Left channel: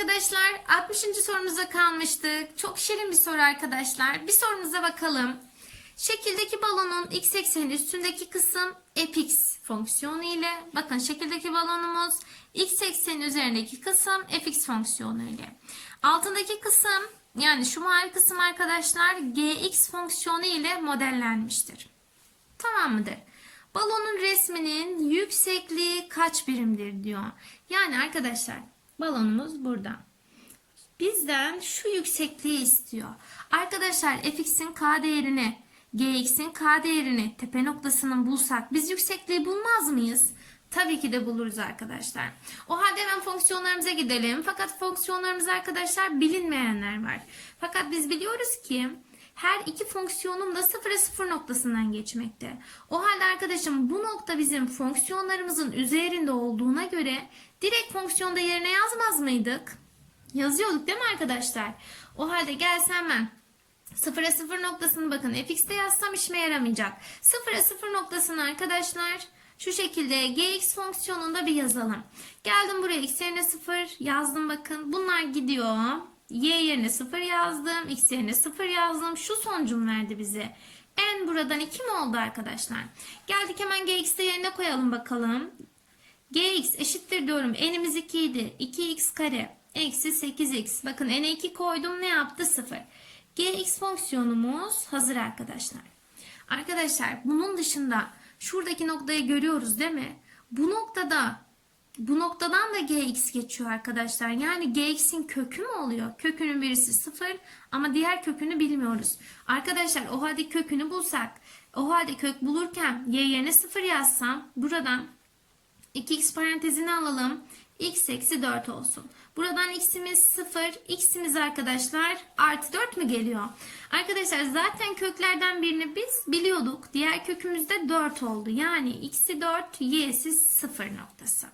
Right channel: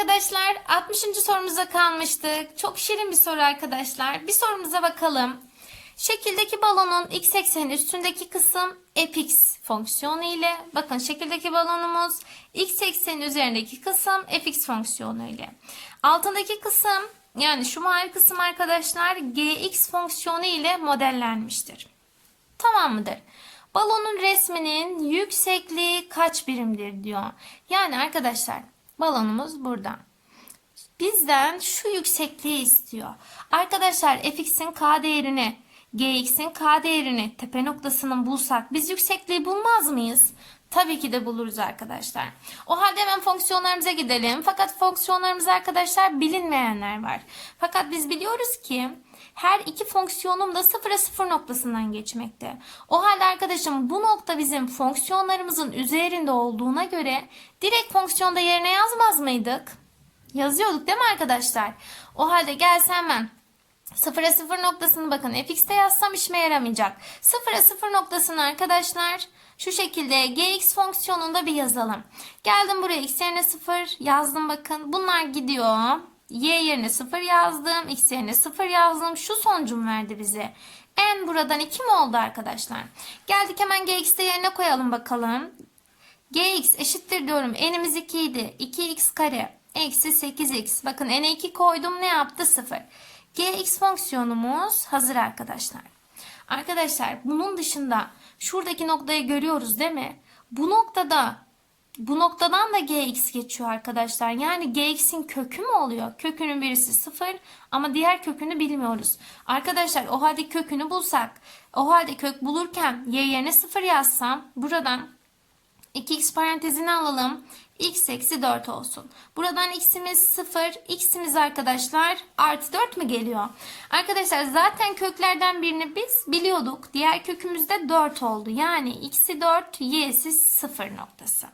arkadaşlar 60. sorumuza kalmıştık. Çok şirin bir soru arkadaşlar. Bir sorumuza bakalım. Şekildeki balonun x ekseni üstündeki kısım fx fonksiyonu ile bakın şekildeki balonumuz x ekseni üzerindeki kısım fx fonksiyonu ile. Altındaki kısım yani şu mavi kısım arkadaşlar gx fonksiyonu ile modellenmiştir. Tamam mıdır? Balonun resminin yüksekliği kaç birimdir diyor. Yani arkadaşlar balonumuz burada. Bizden şu yüksekliği istiyor. Arkadaşlar fx'in k değerini, gx'in k değerini, tepe noktasının bulsak biz yüksekliği bulmaz mıyız? Tabii ki de buluruz arkadaşlar. O halde hemen fonksiyonlarımıza gidelim. Fakat fonksiyonlarımız arkadaşlar bilinmeyenler var. Fakat biz biliyoruz ki her iki fonksiyonum da sıfıra sıfır noktasından geçmekte. O halde arkadaşım bu nokta bizim fonksiyonlarımızın üzerinde olduğuna göre direkt fonksiyonda yerine yazmaz mıydık? Yazıyorduk değil mi arkadaşlar? O halde gelsem ben sıfıra sıfır noktasını bakın fx'te yazsam işime yaramayacak. Sıfıra sıfır noktasını arkadaşlar şu şekilde gx fonksiyonunda bir yazalım. Geldim buraya x yerine 0 yazdım bakın. Bunlar gidiyor. Y yerine 0 yazdım. X yerine 0 yazdım. Şu sonucum verdi bize. N buradan 2 mi oldu arkadaşlar? Geldik hemen gx'te yerine koyalım bakalım. gx eşittir diyorum. N'imiz 2 idi. 2x kare eksi 8x. Bakın n'e 2 koydum ne yaptı? 0. gx fonksiyonumuz hazır arkadaşlar. Arkadaşlar bunun dışında şuradaki noktayı görüyoruz değil mi? Bu noktada bu noktadan da gx geçiyor arkadaşlar. Yani gx'in kökü mü oluyor? Kökünün birisi 0 ama diğer kökünü bilmiyoruz. Arkadaşlar o halde kökünü bulsak o halde kök bulurken y yerine 0 yazsam buradan 2x parantezini alalım. x eksi 4 olsun. Buradan x'imiz 0, x'imiz arkadaşlar artı 4 mü geliyor? Arkadaşlar zaten köklerden birini biz biliyorduk. Diğer kökümüz de 4 oldu. Yani x'i 4, y'si 0 noktası.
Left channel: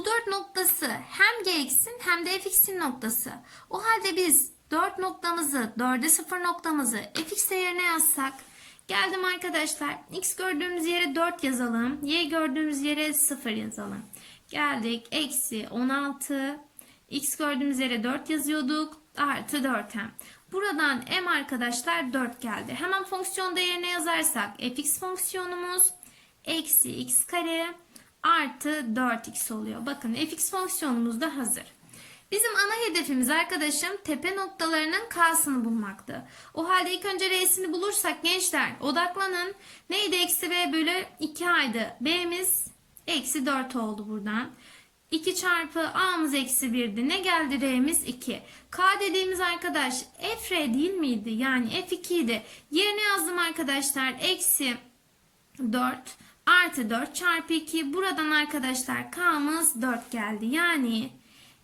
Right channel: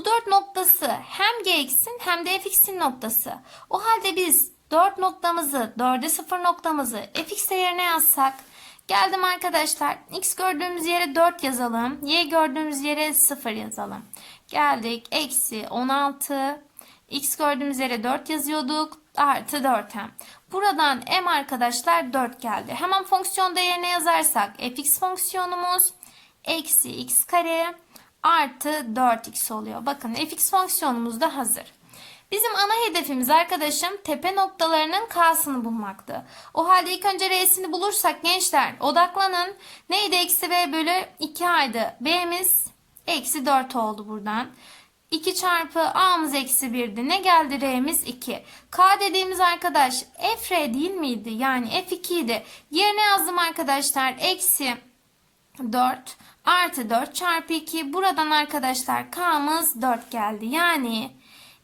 Bu 4 noktası hem gx'in hem de fx'in noktası. O halde biz 4 noktamızı, 4'e 0 noktamızı fx yerine yazsak Geldim arkadaşlar. X gördüğümüz yere 4 yazalım. Y gördüğümüz yere 0 yazalım. Geldik. Eksi 16. X gördüğümüz yere 4 yazıyorduk. Artı 4m. Buradan m arkadaşlar 4 geldi. Hemen fonksiyon değerine yazarsak fx fonksiyonumuz eksi x kare artı 4x oluyor. Bakın fx fonksiyonumuz da hazır. Bizim ana hedefimiz arkadaşım tepe noktalarının K'sını bulmaktı. O halde ilk önce R'sini bulursak gençler odaklanın. Neydi eksi B bölü 2A'ydı. B'miz eksi 4 oldu buradan. 2 çarpı A'mız eksi 1'di. Ne geldi R'miz 2. K dediğimiz arkadaş F R değil miydi? Yani F2 idi. Yerine yazdım arkadaşlar. Eksi 4 artı 4 çarpı 2. Buradan arkadaşlar K'mız 4 geldi. Yani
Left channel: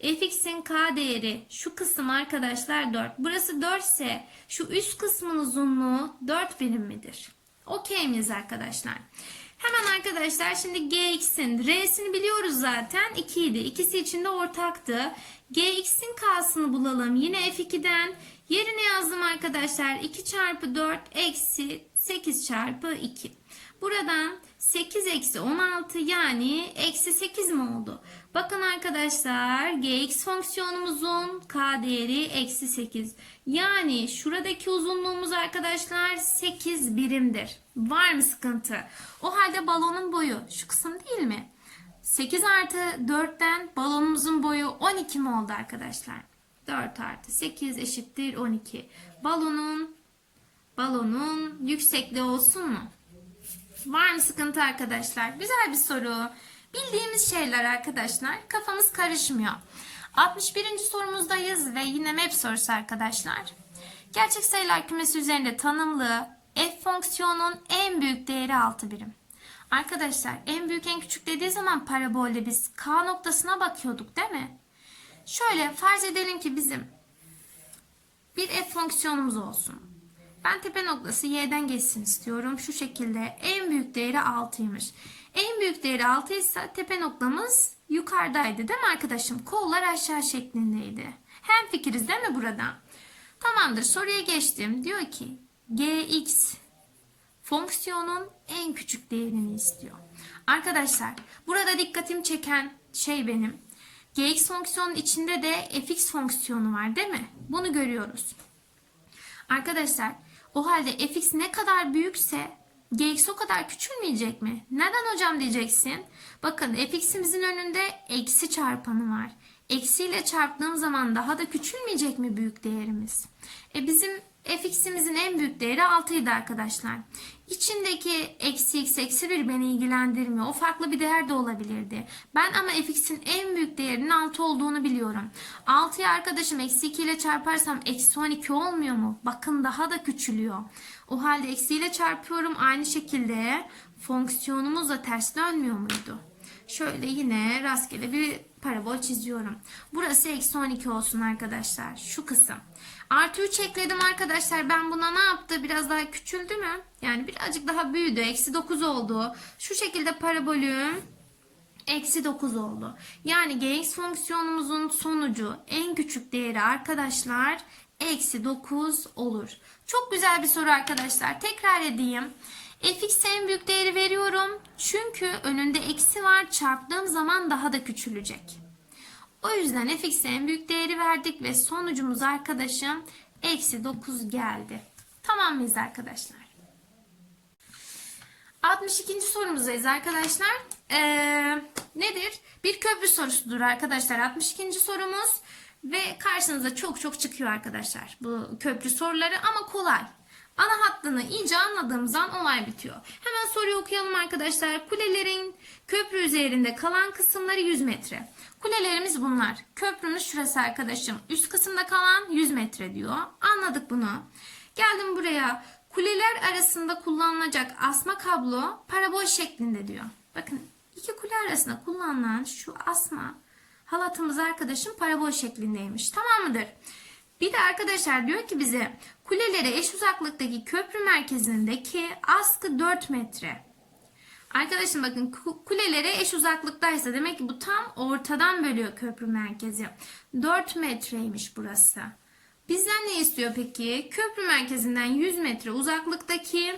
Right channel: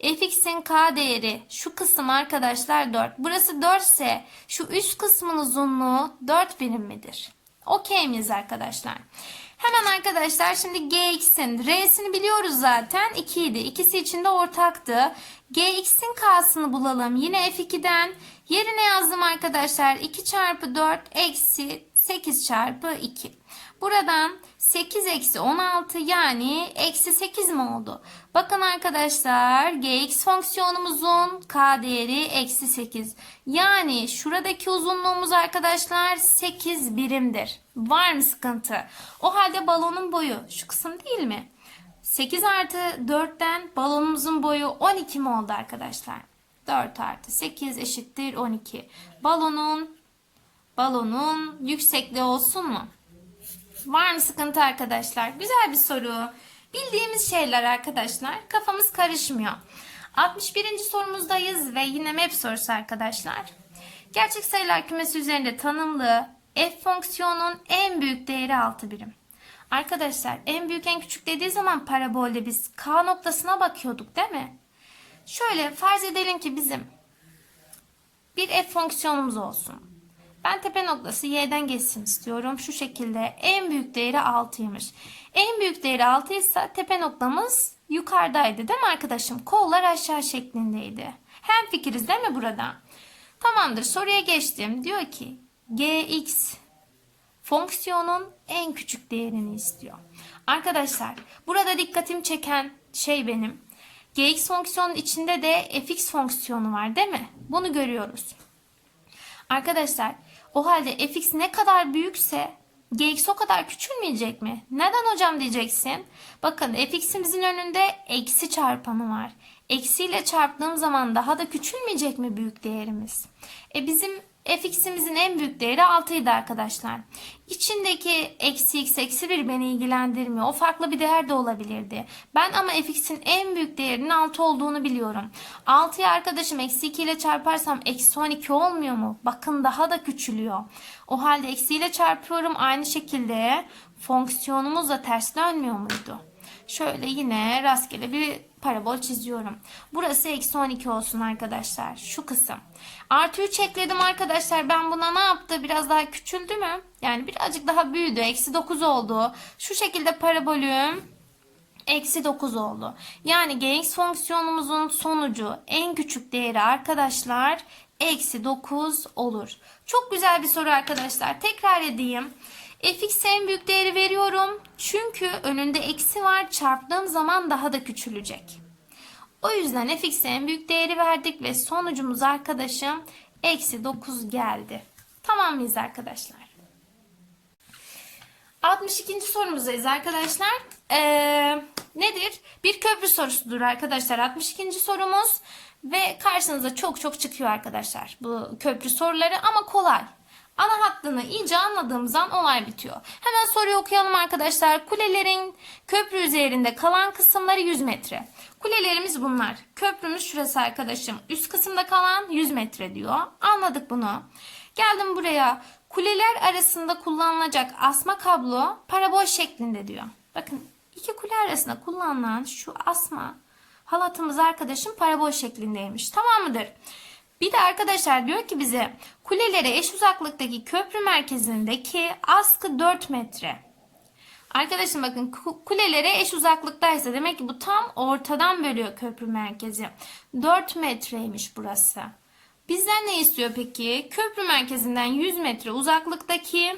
fx'in k değeri şu kısım arkadaşlar 4. Burası 4 ise şu üst kısmın uzunluğu 4 birim midir? Okey miyiz arkadaşlar? Hemen arkadaşlar şimdi gx'in r'sini biliyoruz zaten 2 idi. İkisi için de ortaktı. gx'in k'sını bulalım. Yine f2'den yerine yazdım arkadaşlar. 2 çarpı 4 eksi 8 çarpı 2. Buradan 8 eksi 16 yani eksi 8 mi oldu? Bakın arkadaşlar gx fonksiyonumuzun k değeri eksi 8. Yani şuradaki uzunluğumuz arkadaşlar 8 birimdir. Var mı sıkıntı? O halde balonun boyu şu kısım değil mi? 8 artı 4'ten balonumuzun boyu 12 mi oldu arkadaşlar? 4 artı 8 eşittir 12. Balonun balonun yüksekliği olsun mu? Var mı sıkıntı arkadaşlar? Güzel bir soru. Bildiğimiz şeyler arkadaşlar. Kafamız karışmıyor. 61. sorumuzdayız ve yine map sorusu arkadaşlar. Gerçek sayılar kümesi üzerinde tanımlı f fonksiyonun en büyük değeri 6 birim. Arkadaşlar en büyük en küçük dediği zaman parabolde biz k noktasına bakıyorduk değil mi? Şöyle farz edelim ki bizim bir f fonksiyonumuz olsun. Ben tepe noktası y'den geçsin istiyorum. Şu şekilde en büyük değeri 6'ymış. En büyük değeri 6 ise tepe noktamız yukarıdaydı değil mi arkadaşım? Kollar aşağı şeklindeydi. Hem fikiriz değil mi burada? Tamamdır soruya geçtim. Diyor ki gx fonksiyonun en küçük değerini istiyor. Arkadaşlar burada dikkatim çeken şey benim. gx fonksiyonun içinde de fx fonksiyonu var değil mi? Bunu görüyoruz. Arkadaşlar o halde fx ne kadar büyükse gx o kadar küçülmeyecek mi? Neden hocam diyeceksin? Bakın fx'imizin önünde eksi çarpanı var. Eksiyle çarptığım zaman daha da küçülmeyecek mi büyük değerimiz? E bizim fx'imizin en büyük değeri 6 idi arkadaşlar. İçindeki eksi x eksi 1 beni ilgilendirmiyor. O farklı bir değer de olabilirdi. Ben ama fx'in en büyük değerinin 6 olduğunu biliyorum. 6'yı arkadaşım eksi 2 ile çarparsam eksi 12 olmuyor mu? Bakın daha da küçülüyor. O halde eksiyle çarpıyorum aynı şekilde fonksiyonumuz da ters dönmüyor muydu? Şöyle yine rastgele bir parabol çiziyorum. Burası eksi 12 olsun arkadaşlar. Şu kısım. Artı 3 ekledim arkadaşlar. Ben buna ne yaptı? Biraz daha küçüldü mü? Yani birazcık daha büyüdü. Eksi 9 oldu. Şu şekilde parabolüm eksi 9 oldu. Yani gx fonksiyonumuzun sonucu en küçük değeri arkadaşlar eksi 9 olur. Çok güzel bir soru arkadaşlar. Tekrar edeyim. Fx'e en büyük değeri veriyorum. Çünkü önünde eksi var. Çarptığım zaman daha da küçülecek. O yüzden fx'e en büyük değeri verdik ve sonucumuz arkadaşım eksi 9 geldi. Tamam mıyız arkadaşlar? 62. sorumuzdayız arkadaşlar. Ee, nedir? Bir köprü sorusudur arkadaşlar. 62. sorumuz ve karşınıza çok çok çıkıyor arkadaşlar bu köprü soruları ama kolay. Ana hattını iyice anladığımız an olay bitiyor. Hemen soruyu okuyalım arkadaşlar. Kulelerin köprü üzerinde kalan kısımları 100 metre. Kulelerimiz bunlar. Köprümüz şurası arkadaşım. Üst kısımda kalan 100 metre diyor. Anladık bunu. Geldim buraya. Kuleler arasında kullanılacak asma kablo parabol şeklinde diyor. Bakın iki kule arasında kullanılan şu asma halatımız arkadaşım parabol şeklindeymiş. Tamam mıdır? Bir de arkadaşlar diyor ki bize kulelere eş uzaklıktaki köprü merkezindeki askı 4 metre. Arkadaşım bakın ku- kulelere eş uzaklıktaysa demek ki bu tam ortadan bölüyor köprü merkezi. 4 metreymiş burası. Bizden ne istiyor peki? Köprü merkezinden 100 metre uzaklıktaki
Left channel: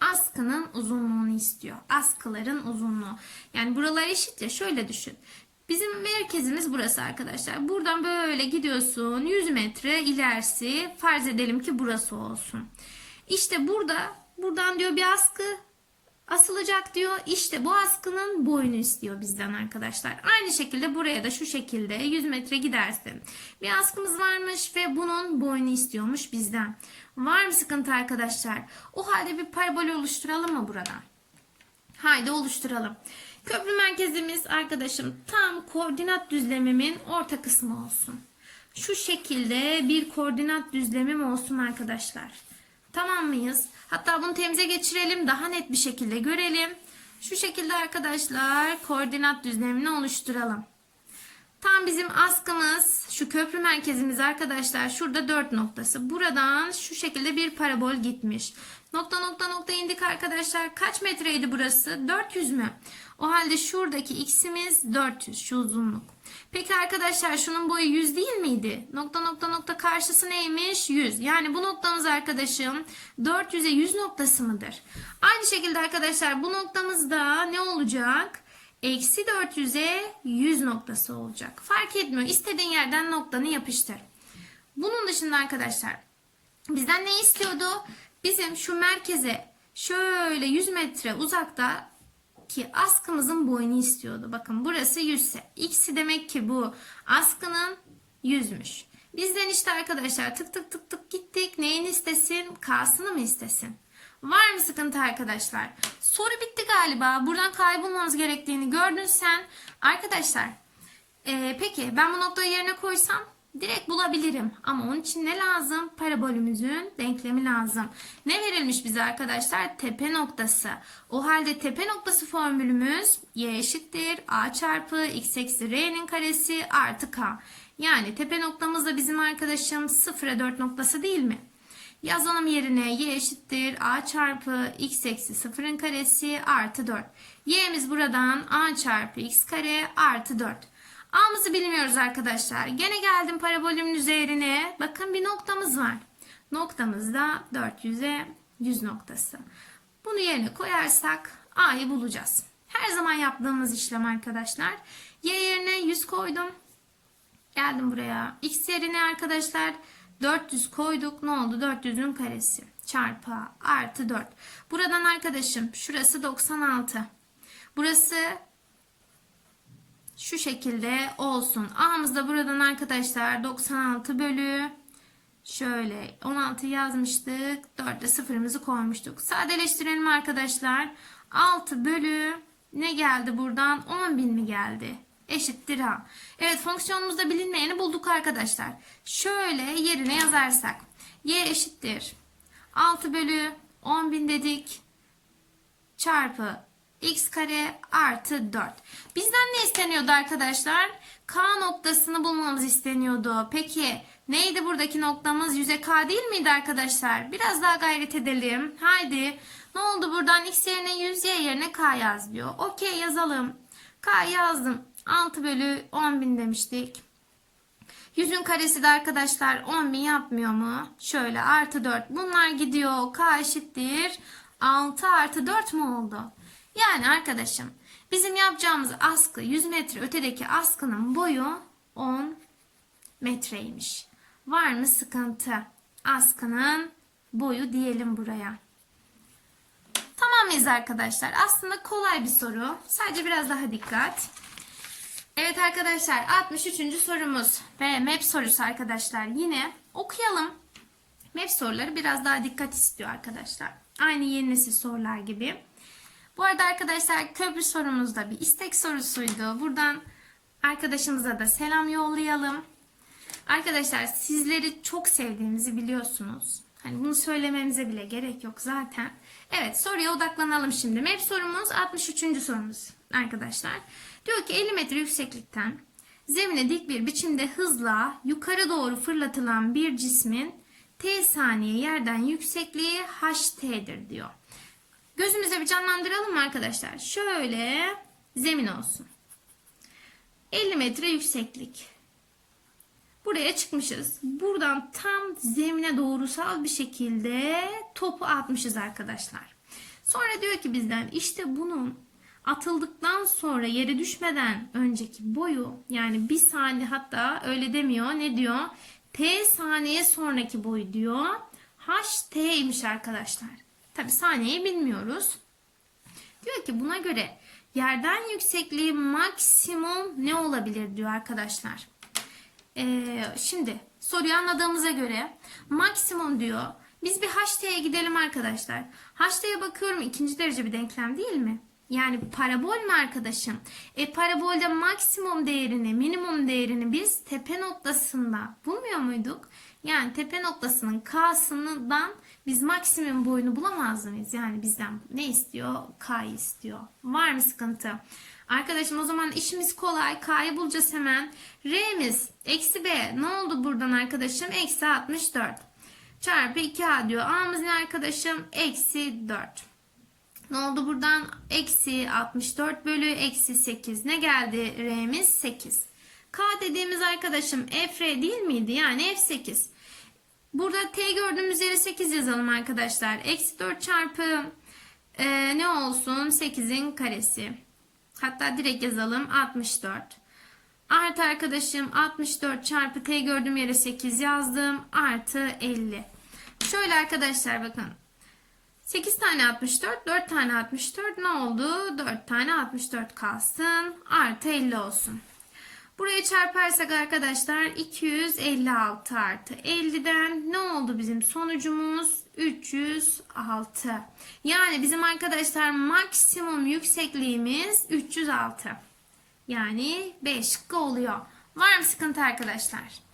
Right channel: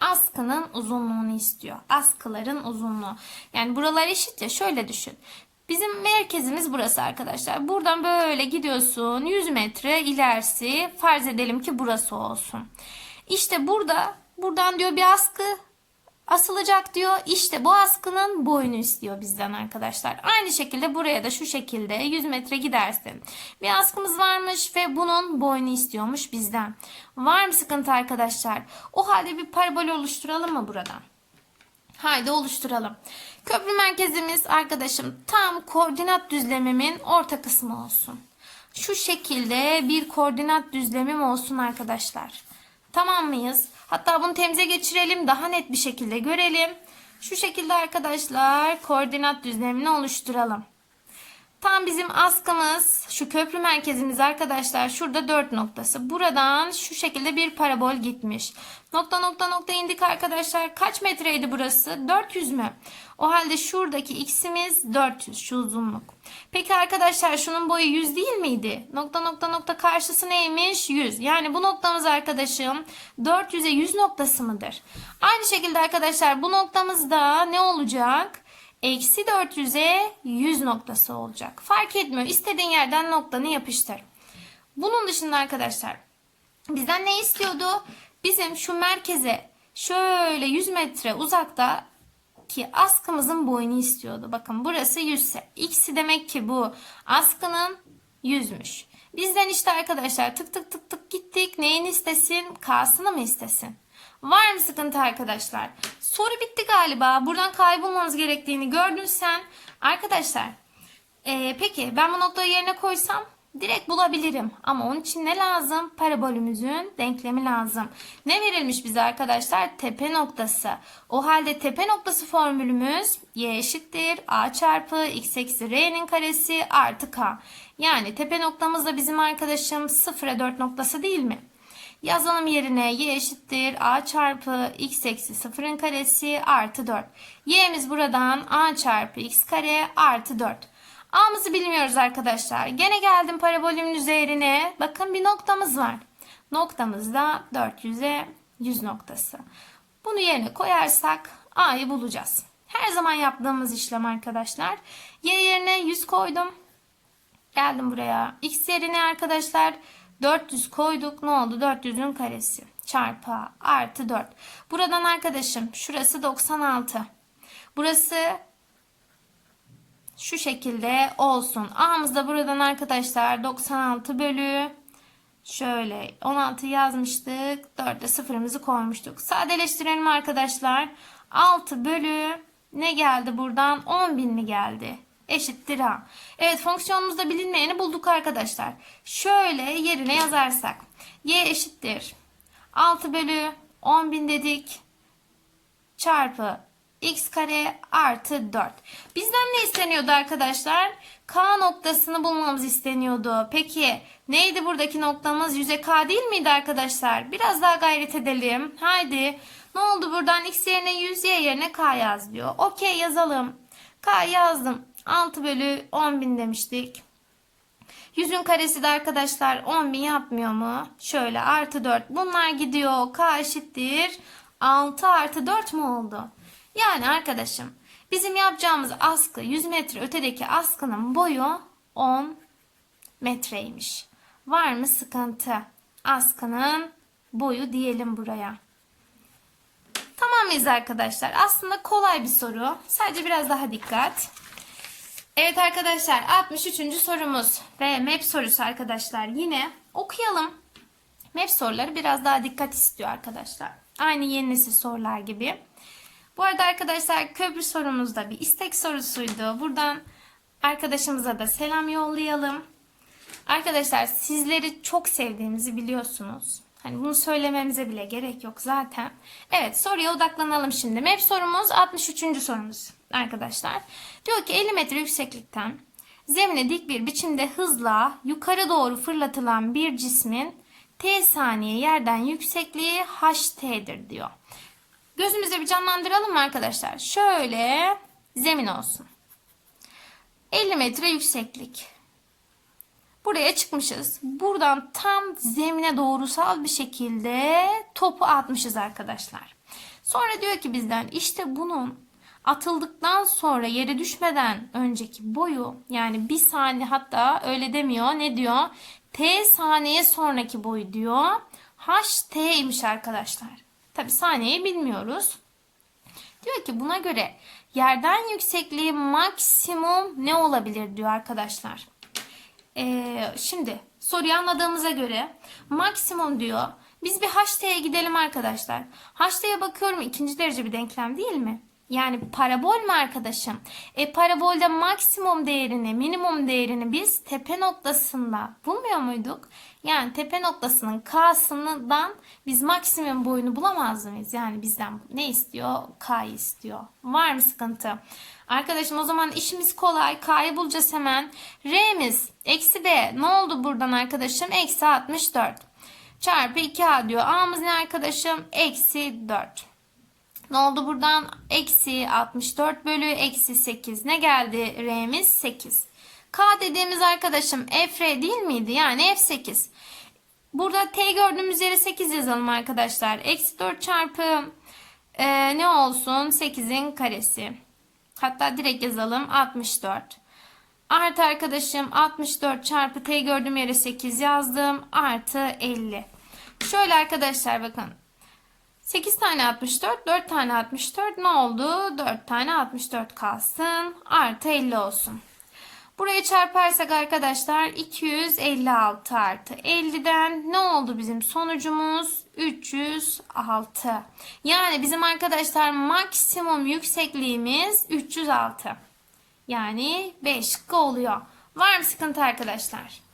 askının uzunluğunu istiyor. Askıların uzunluğu. Yani buralar eşit ya şöyle düşün. Bizim merkezimiz burası arkadaşlar. Buradan böyle gidiyorsun 100 metre ilerisi farz edelim ki burası olsun. İşte burada buradan diyor bir askı asılacak diyor. İşte bu askının boyunu istiyor bizden arkadaşlar. Aynı şekilde buraya da şu şekilde 100 metre gidersin. Bir askımız varmış ve bunun boyunu istiyormuş bizden. Var mı sıkıntı arkadaşlar? O halde bir parabol oluşturalım mı buradan? Haydi oluşturalım. Köprü merkezimiz arkadaşım tam koordinat düzlemimin orta kısmı olsun. Şu şekilde bir koordinat düzlemim olsun arkadaşlar. Tamam mıyız? Hatta bunu temize geçirelim daha net bir şekilde görelim. Şu şekilde arkadaşlar koordinat düzlemini oluşturalım. Tam bizim askımız şu köprü merkezimiz arkadaşlar şurada 4 noktası. Buradan şu şekilde bir parabol gitmiş. Nokta nokta nokta indik arkadaşlar. Kaç metreydi burası? 400 mü? O halde şuradaki x'imiz 400 şu uzunluk. Peki arkadaşlar şunun boyu 100 değil miydi? Nokta nokta nokta karşısı neymiş? 100. Yani bu noktamız arkadaşım 400'e 100 noktası mıdır? Aynı şekilde arkadaşlar bu noktamızda ne olacak? Eksi 400'e 100 noktası olacak. Fark etmiyor. İstediğin yerden noktanı yapıştır. Bunun dışında arkadaşlar bizden ne istiyordu? Bizim şu merkeze şöyle 100 metre uzakta ki askımızın boyunu istiyordu. Bakın burası 100 ise x'i demek ki bu askının 100'müş. Bizden işte arkadaşlar tık tık tık tık gittik. Neyin istesin? K'sını mı istesin? Var mı sıkıntı arkadaşlar? Soru bitti galiba. Buradan kaybolmamız gerektiğini gördün sen. Arkadaşlar ee, peki ben bu noktayı yerine koysam direkt bulabilirim. Ama onun için ne lazım? Parabolümüzün denklemi lazım. Ne verilmiş bize arkadaşlar? Tepe noktası. O halde tepe noktası formülümüz y eşittir a çarpı x eksi r'nin karesi artı k. Yani tepe noktamız da bizim arkadaşım 0'a 4 noktası değil mi? Yazalım yerine y eşittir a çarpı x eksi 0'ın karesi artı 4. y'miz buradan a çarpı x kare artı 4. A'mızı bilmiyoruz arkadaşlar. Gene geldim parabolümün üzerine. Bakın bir noktamız var. Noktamız da 400'e 100 noktası. Bunu yerine koyarsak A'yı bulacağız. Her zaman yaptığımız işlem arkadaşlar. Y yerine 100 koydum. Geldim buraya. X yerine arkadaşlar 400 koyduk. Ne oldu? 400'ün karesi çarpı artı 4. Buradan arkadaşım şurası 96. Burası şu şekilde olsun. A'mız da buradan arkadaşlar 96 bölü şöyle 16 yazmıştık. 4'te sıfırımızı koymuştuk. Sadeleştirelim arkadaşlar. 6 bölü ne geldi buradan? 10.000 mi geldi? Eşittir A. Evet fonksiyonumuzda bilinmeyeni bulduk arkadaşlar. Şöyle yerine yazarsak. Y eşittir. 6 bölü 10.000 dedik. Çarpı x kare artı 4. Bizden ne isteniyordu arkadaşlar? K noktasını bulmamız isteniyordu. Peki neydi buradaki noktamız? Yüze K değil miydi arkadaşlar? Biraz daha gayret edelim. Haydi. Ne oldu buradan? X yerine 100, Y yerine K yaz diyor. Okey yazalım. K yazdım. 6 bölü 10 bin demiştik. Yüzün karesi de arkadaşlar 10 bin yapmıyor mu? Şöyle artı 4. Bunlar gidiyor. K eşittir. 6 artı 4 mu oldu? Yani arkadaşım bizim yapacağımız askı 100 metre ötedeki askının boyu 10 metreymiş. Var mı sıkıntı? Askının boyu diyelim buraya. Tamam mıyız arkadaşlar? Aslında kolay bir soru. Sadece biraz daha dikkat. Evet arkadaşlar 63. sorumuz ve map sorusu arkadaşlar. Yine okuyalım. Map soruları biraz daha dikkat istiyor arkadaşlar. Aynı yeni nesil sorular gibi. Bu arada arkadaşlar köprü sorumuz da bir istek sorusuydu. Buradan arkadaşımıza da selam yollayalım. Arkadaşlar sizleri çok sevdiğimizi biliyorsunuz. Hani bunu söylememize bile gerek yok zaten. Evet soruya odaklanalım şimdi. Map sorumuz 63. sorumuz arkadaşlar. Diyor ki 50 metre yükseklikten zemine dik bir biçimde hızla yukarı doğru fırlatılan bir cismin t saniye yerden yüksekliği ht'dir diyor. Gözümüzde bir canlandıralım mı arkadaşlar? Şöyle zemin olsun. 50 metre yükseklik. Buraya çıkmışız. Buradan tam zemine doğrusal bir şekilde topu atmışız arkadaşlar. Sonra diyor ki bizden işte bunun atıldıktan sonra yere düşmeden önceki boyu yani bir saniye hatta öyle demiyor. Ne diyor? T saniye sonraki boyu diyor. HT'ymiş arkadaşlar. Tabi saniyeyi bilmiyoruz. Diyor ki buna göre yerden yüksekliği maksimum ne olabilir diyor arkadaşlar. Ee, şimdi soruyu anladığımıza göre maksimum diyor. Biz bir HT'ye gidelim arkadaşlar. HT'ye bakıyorum ikinci derece bir denklem değil mi? Yani parabol mü arkadaşım? E parabolde maksimum değerini, minimum değerini biz tepe noktasında bulmuyor muyduk? Yani tepe noktasının K'sından biz maksimum boyunu bulamaz mıyız? Yani bizden ne istiyor? K'yı istiyor. Var mı sıkıntı? Arkadaşım o zaman işimiz kolay. K'yı bulacağız hemen. R'miz eksi B. Ne oldu buradan arkadaşım? Eksi 64. Çarpı 2A diyor. A'mız ne arkadaşım? Eksi 4. Ne oldu buradan? Eksi 64 bölü eksi 8. Ne geldi R'miz? 8. K dediğimiz arkadaşım F değil miydi? Yani F8. Burada T gördüğümüz yere 8 yazalım arkadaşlar. Eksi 4 çarpı e, ne olsun? 8'in karesi. Hatta direkt yazalım 64. Artı arkadaşım 64 çarpı T gördüğüm yere 8 yazdım. Artı 50. Şöyle arkadaşlar bakın. 8 tane 64, 4 tane 64 ne oldu? 4 tane 64 kalsın. Artı 50 olsun. Buraya çarparsak arkadaşlar 256 artı 50'den ne oldu bizim sonucumuz? 306. Yani bizim arkadaşlar maksimum yüksekliğimiz 306. Yani 5 oluyor. Var mı sıkıntı arkadaşlar?